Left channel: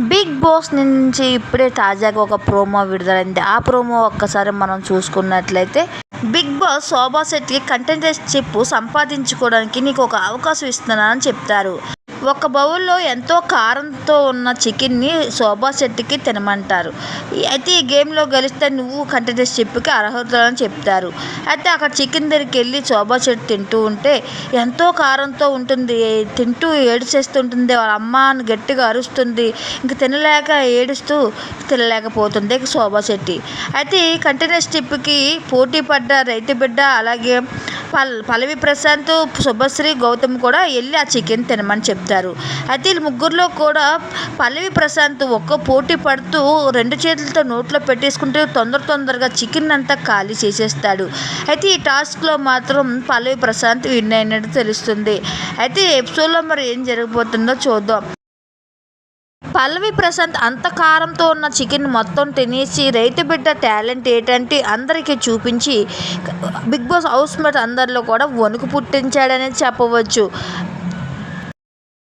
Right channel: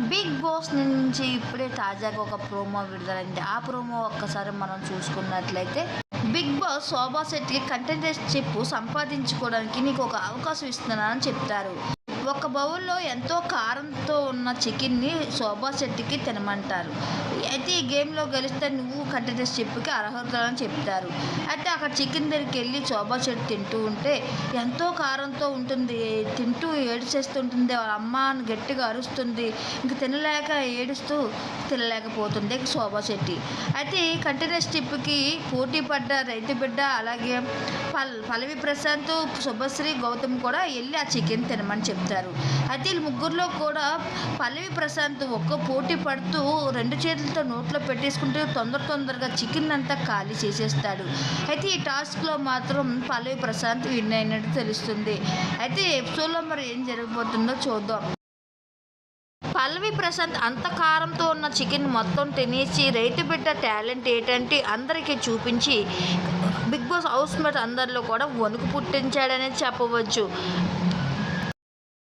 Big boss నుంచి ఇప్పుడే తాజాగా ఒక ప్రోమో విడుదలైంది. ఆ ప్రోమో ఒక్కసారి మనం చూసుకున్నట్లయితే బిగ్ బాస్ శోభా శెట్టికి చిప్పు సంపాదించుకోవడానికి నీకు ఒక అవకాశం ఇస్తున్నానని చెప్తారు. ఒక బౌల్లో ఎంతో కారంతో ఉన్న చికెన్ని శోభా శెట్టికి తినమంటారు. అయితే ఈ గేమ్లో గెలిస్తే నువ్వు కంటెంటర్షిప్కి అర్హతలని చెప్తారు. అయితే అక్కడ చికెన్ దగ్గరికి వెళ్ళి శోభా శెట్టి తింటూ ఉంటే ఎంతో కారంతో ఉంటుంది తింటూ ఏడిచేస్తుంటుంది వాళ్ళ అమ్మ అని గట్టిగా అరుస్తుంది ఇంక తినలేక ఏడుస్తూ తినలేకపోతుంది శోభా శెట్టి. అయితే ఈ కంటెంటర్షిప్కి పోటీ పడ్డ రైతు బిడ్డ అలాగే పల్ పల్లవి ప్రశాంత్ శుభశ్రీ గౌతమ్ కూడా వెళ్ళి ఆ చికెన్ తినమని చెప్తారు. అయితే వీళ్ళు ముగ్గురులో కూడా పల్లవి ప్రశాంత్ ఒక్క పోటీ పడుతూ రెండు చేతులతో నోట్లో పెట్టేసుకుంటే తొందర తొందరగా చికెన్ అంతా ఖాళీ చేసేస్తాడు. అయితే ఈ టాస్క్లో మాత్రం పల్లవి ప్రశాంత్ విన్ అయినట్టు తెలుస్తుంది. అయితే ఎపిసోడ్లో మరి ఏం జరగబోతుందో చూద్దాం. పల్లవి ప్రశాంత్ అంత కారంతో ఉన్న చికెన్ మొత్తం తినేసి రైతు బిడ్డ టాలెంట్ ఏంటంటే అందరికీ చూపించి బిగ్ బాస్ హౌస్ మేట్ అందరిలో కూడా వణుకు పుట్టించాడనే చెప్పవచ్చు.